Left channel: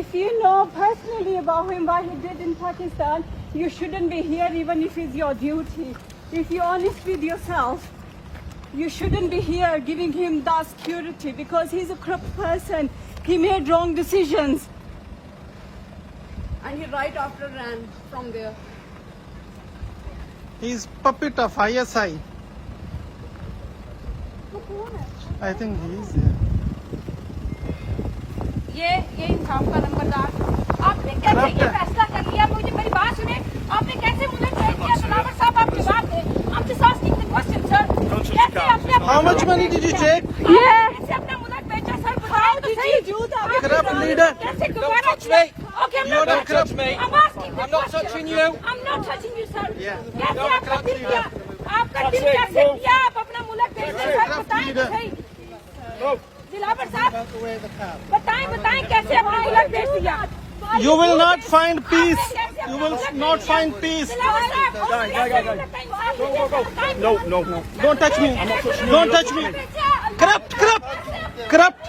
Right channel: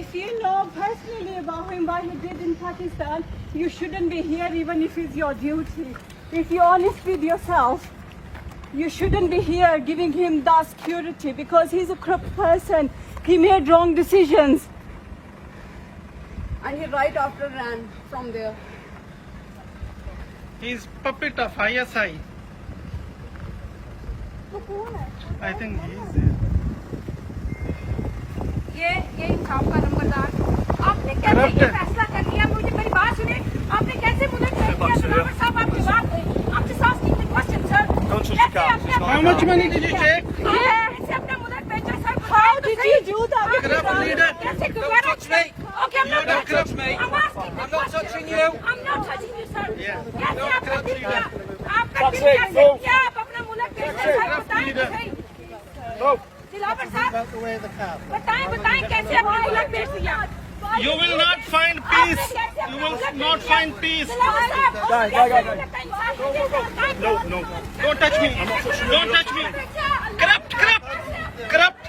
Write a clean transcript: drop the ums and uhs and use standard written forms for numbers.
if you know personally about him, what he did in Pakistan, you shouldn't be here even if it's your duty. If you're honest with yourself, you shouldn't be here giving him that security because he's a corrupt person. He made wrong decisions. And he right after ran from there. He's puppet of ISI. I think he is there. ये इंसाफ का नंबरदार, आपने कैसे ये फैसला कर लिया? मुझे मेरी बात सुने, आपने कैसे मुझे भेज दिया? दलावर साहब आपकी बात है, आपके साथ कितने क्वेश्चन सर? कैसे आपने How much money did you take? कैसे अपने मुदत भेजा सर? Corrupt leader. कैसे दोबारा? Okay, I'm You're not a corrupt touching you. I'm asking you. I'm not touching you. I'm not touching you, sir. Yeah. कैसे आपका दिल किया? आपका दिल कैसे किया? आप अपने मुदत भेजा सर? बताएं तो सही। दलावर साहब, बताएं कैसे आपने मुदत भेज दिया? You will not find peace. You will not find peace. No. Don't touch me. Don't touch me. Corrupt.